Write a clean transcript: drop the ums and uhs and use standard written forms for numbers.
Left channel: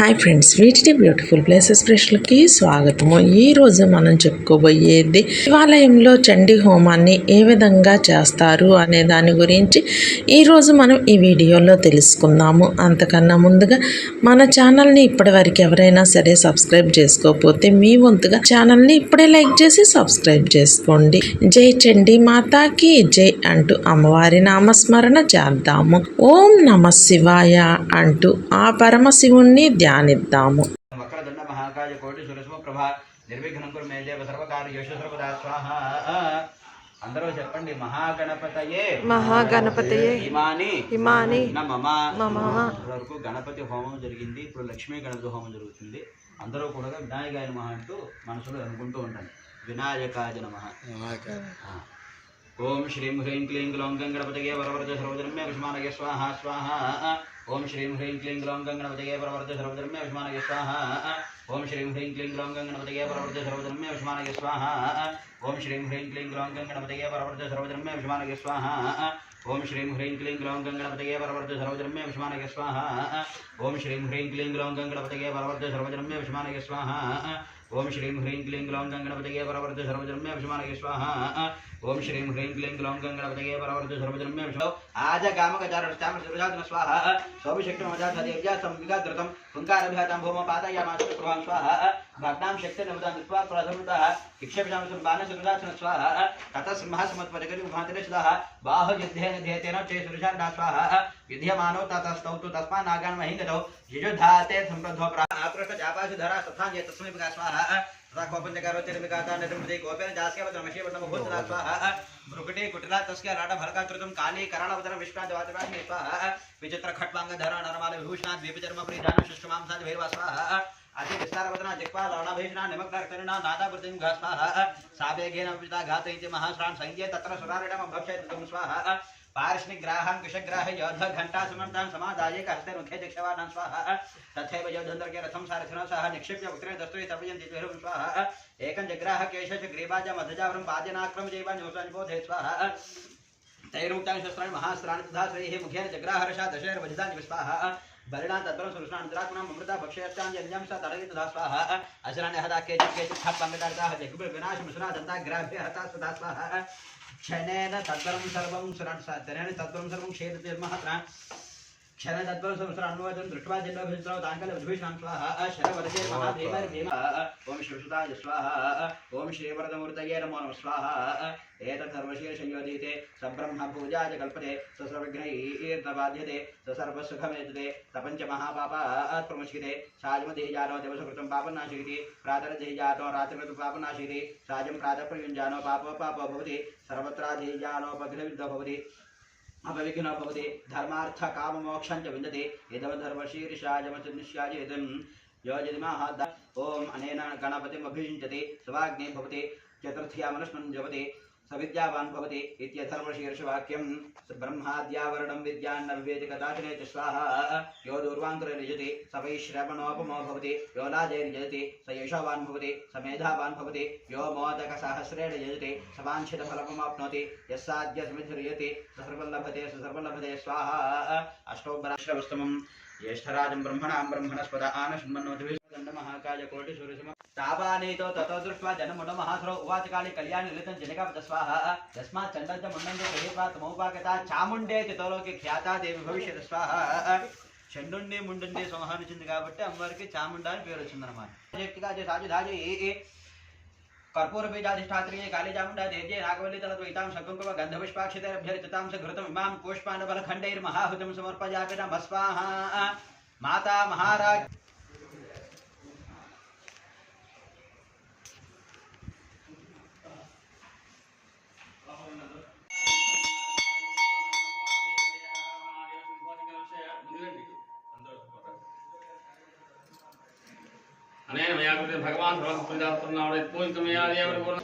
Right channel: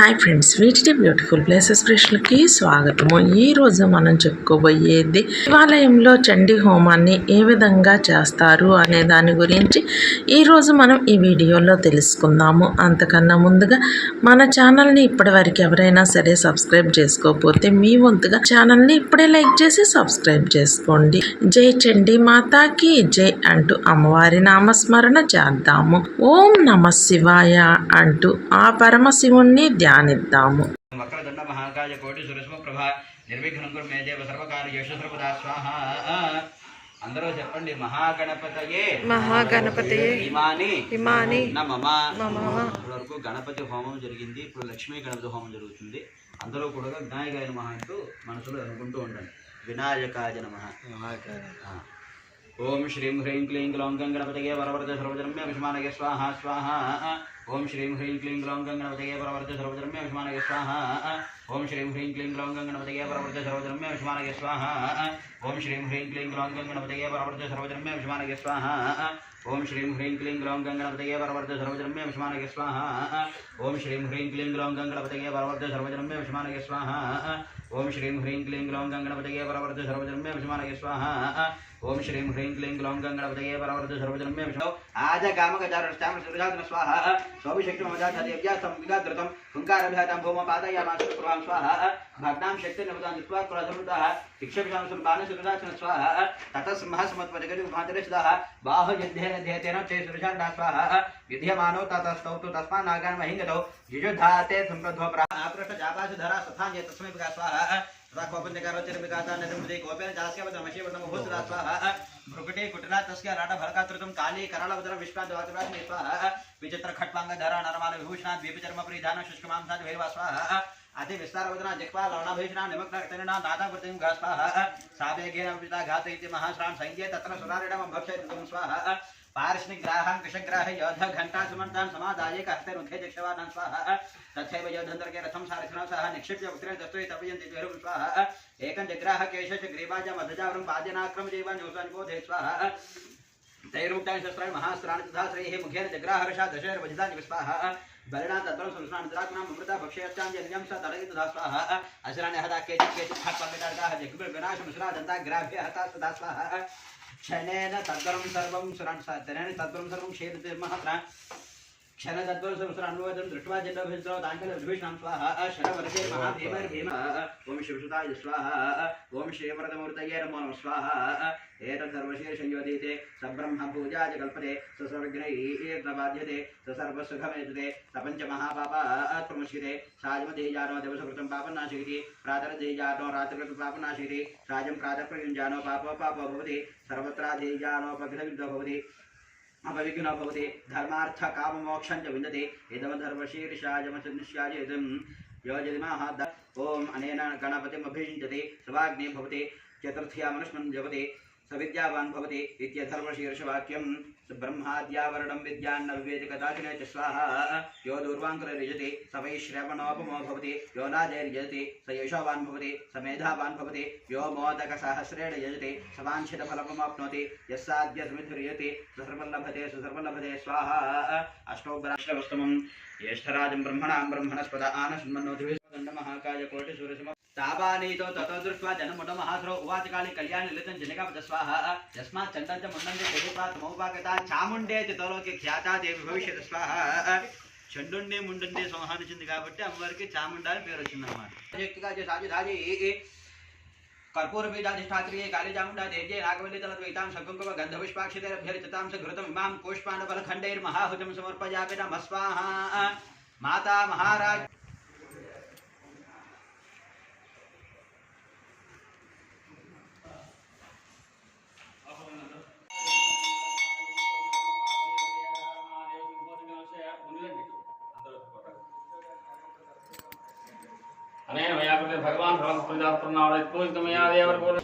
Hi friends, వీటి beautiful places ప్రశ్నలకి స్వాగతము. ఈరోజు మనం చెప్పుకోబోయేది శివాలయంలో చండీ హోమాన్ని ఏ విధంగా చేస్తారు అనే దాని గురించి ఈరోజు మనం ఈ వీడియోలో తెలుసుకుందాము. అంతకన్నా ముందుగా మన ఛానల్ని ఇప్పటివరకు ఎవరైనా సరే సబ్స్క్రైబ్ చేసుకోకపోతే మీ వంతుగా ఛానల్ని ఇప్పుడే లైక్ చేసి సబ్స్క్రైబ్ చేసుకోండి. జై చండీ మాతాకి జై అంటూ అమ్మవారి నామస్మరణ చేద్దాము. ఓం నమ శివాయ అంటూ ఆ పరమశివుణ్ణి ధ్యానిద్దాము. వక్రదండ మహాకాయ కోటి సురస్మ ప్రభ నిర్విఘ్నం కురు మే దేవ సర్వకార్యేషు సర్వదా స్వాహ. అందరూ చెప్పండి. మహాగణపతయే మహాగణపతయే ఇమాని ఇమాని నమః. ఇప్పటివరకు గణపతి హోమం జరిగింది. ఇప్పుడు లక్ష్మీ గణపతి హోమం జరుగుతుంది. అందరూ కూడా వినాయకాయ నమః అంటూ మనసులో అనుకుంటూ ఉండండి. వినాయకాయ నమః. ఓం శ్రీం హ్రీం క్లీం గ్లౌం గణపతయే వరవర్ధ సర్వధర్మ్య విష్మానగే స్వాహ స్వాహ. ఓం శ్రీం హ్రీం క్లీం గ్లౌం గణపతయే వరవర్ధ సర్వధర్మ్య విష్మానగే స్వాహ. ఓం శ్రీం హ్రీం క్లీం గ్లౌం గణపతయే వరవర్ధ సర్వధర్మ్య విష్మానగే స్వాహ. ఓం శ్రీం హ్రీం క్లీం గ్లౌం గణపతయే వరవర్ధ సర్వధర్మ్య విష్మానగే స్వాహ. ఓం శ్రీం హ్రీం క్లీం గ్లౌం గణపతయే వరవర్ధ సర్వధర్మ్య విష్మానగే స్వాహ. ఓం శ్రీం హ్రీం క్లీం గ్లౌం గణపతయే వరవర్ధ సర్వధర్మ్య విష్మానగే స్వాహ. ఓం శ్రీం హ్రీం క్లీం గ్లౌం గణపతయే వరవర్ధ సర్వధర్మ్య విష్మానగే స్వాహ. ఓం శ్రీం హ్రీం క్లీం గ్లౌం గణపతయే వరవర్ధ సర్వధర్మ్య విష్మానగే ఆజ కామగజారష్టామ సురజాతన స్వాహ. స్వభిషక్తి మమజాధదేవ్యా సంవిగాగ్రతం తుంకారభిహతాం భూమ పాదయామాస ప్రభాం స్వాహ. భగ్నాం శక్తి నిమతాం దిత్వా కులధర్మతః ఇక్షభిషామసం బాణసురజాతన స్వాహ. తతస్మః సమత్పదగరి ఉపాంతరే సదాః బాహు యుద్ధేన ధ్యేతేన తే సురజానా స్వాహ. యుధ్యమానో తతస్తౌతు తస్మాన్ నాగాన్ మహింగతౌ యుజుధాతే సంప్రధ్వ ఆపృష్ట జాపాసు ధరా సథాన్యే తస్మై విగా స్వాహ. రాఘవపంచకారో చిరవిగాతా నదుమృదే గోపేన జాస్యవతమశేవతమ భూతదా స్వాహ. భృకుటే కుటిలా తస్య రాఢ భరకాతృతం కాళీ కరాళవదర విష్ణాంత వాతరాజ్ఞే స్వాహ. విచిత్ర ఖట్వాంగ ధరా నరమాల విభూషణాద్ ద్వీపచర్మ పరిధాన శుష్కమాంసాద్ భైరవ స్వాహ. అతి విస్తారవదన జిహ్వా లవణాభీషణా నిమగ్నకర్తరిణా నాదావృతిం స్వాహ. సావేగేన విజితా ఘాతయితి మహాశ్రాన్ సైన్యే తత్ర సురారిణం భక్షయతం స్వాహ. पार्ष्णिग्राहं कृशग्राह योध घंटा सुमंतां समादाये कहते रुखे दिक्षवानां स्वाहा. तथैव योधंधर्के रथं सारथिना सह निक्षिप्य उत्तरे दस्तुये तपयन्ति द्विहरं स्वाहा. एकं जग्राह केशश ग्रीवाज मधुजावरं पादेनाक्रम जीवान् योसान्बोधे स्वाहा. तैरुक्तानि शस्त्राणि महास्त्राणि तथा श्रेः मुखेन जग्राहर्षा दशैर वजितानि स्वाहा. बलिना तद्बलं सुरस्नान्तरात्मनां अमृता भक्ष्यस्ताञ्जलिं स तडयति तथा स्वाहा. असुराणि हता केचित् हत्पङ्गदार्ताः जग्बिर्विनाशमुसुरा दन्ताग्राभ्य हता तथा स्वाहा. क्षणेन तद्वरं सर्वं सुरान् तद्वरं सर्वं क्षेत्रतिर्महत्रा क्षण तद्वरं सर्वसुरान्वदं दृष्ट्वा जिल्लभृत्रौ ताङ्कलविभूषणां स्वाहा. शरवर्गे महाभीमर्भीमा. ओम शिवसुताय स्वाहा. ओम श्रीवरदमूर्तये नमो नमः स्वाहा. एतत् सर्वशीर्षयोधीते सब्रह्म पूजा च कल्पते सर्वविघ्नैर्नबाध्यते सर्वसुखमेतते सपञ्च महापापात् प्रमुच्यते. साजमतिः जातो दिवसकृतं पापनाशयति प्रातरधिः जातो रात्रिकृतं पापनाशयति. साजं प्रातःप्रयुञ्जानो पापो भवति सर्वत्राधिजानोपघ्नविद्धो भवति अपविघ्नो भवति. धर्मार्थ काम मोक्षं च विन्दति इदमधर्मशीर्षायमचनिष्याय इदं योजदिमाः. ओम अनेन गणपतिमभिषिञ्चति सवाग्ने भवति चतुर्थ्यामनुष्णं जपति सविद्यावान् भवति इत्यथर्वशीर्षवाक्यं. ब्रह्माद्यावरणं विद्यान्न विवेति कदाचिने च स्वाहा. यो दूर्वाङ्कुरनिजति स वै श्रवणोपमो भवति. यो राजैर्यजति स यशोवान् भवति स मेधावान् भवति. यो मोदकसहस्रेण यजति स वाञ्छितफलमवाप्नोति. यस्साद्यसमिधिर्यति स सर्वल्लभते स्वाहा. अष्टोपराश्रवस्तमं ज्येष्ठराजं ब्रह्मणां ब्रह्मणस्पद आनशृण्वन्नोतिभिः महाकाय कोटि सूर्यसम तापानीतो ततो दृष्ट्वा जनमुण्ड महासुरो उवाच काली कल्याणि लितं जनिकापद स्वाहा. तस्मात् चण्डं च मुण्डं च देहित्वा समोपागता चामुण्डेति तोलोके ख्याता देवी भविष्यति स्वाहा. చండుండే ముండుండే సంహానించింది కాబట్టి అమ్మవారికి చాముండ అని పేరు వచ్చిందన్నమాట. कर्पूर बीजाधिष्ठात्रिये काली चामुंडा देव्ये नागवल्ली तलद्वैतां शकुंकुम गंधपुष्पाक्षितैरभ्यर्चितां च घृतम् इमां पुष्पाण्डफलखण्डैर्महाहुतिं समर्पयामि नमः स्वाहा. माता महाराज अनेन मया कृते भगवान् भगवत्पूजापूर्णावृत्पूजितमया देवर्गुण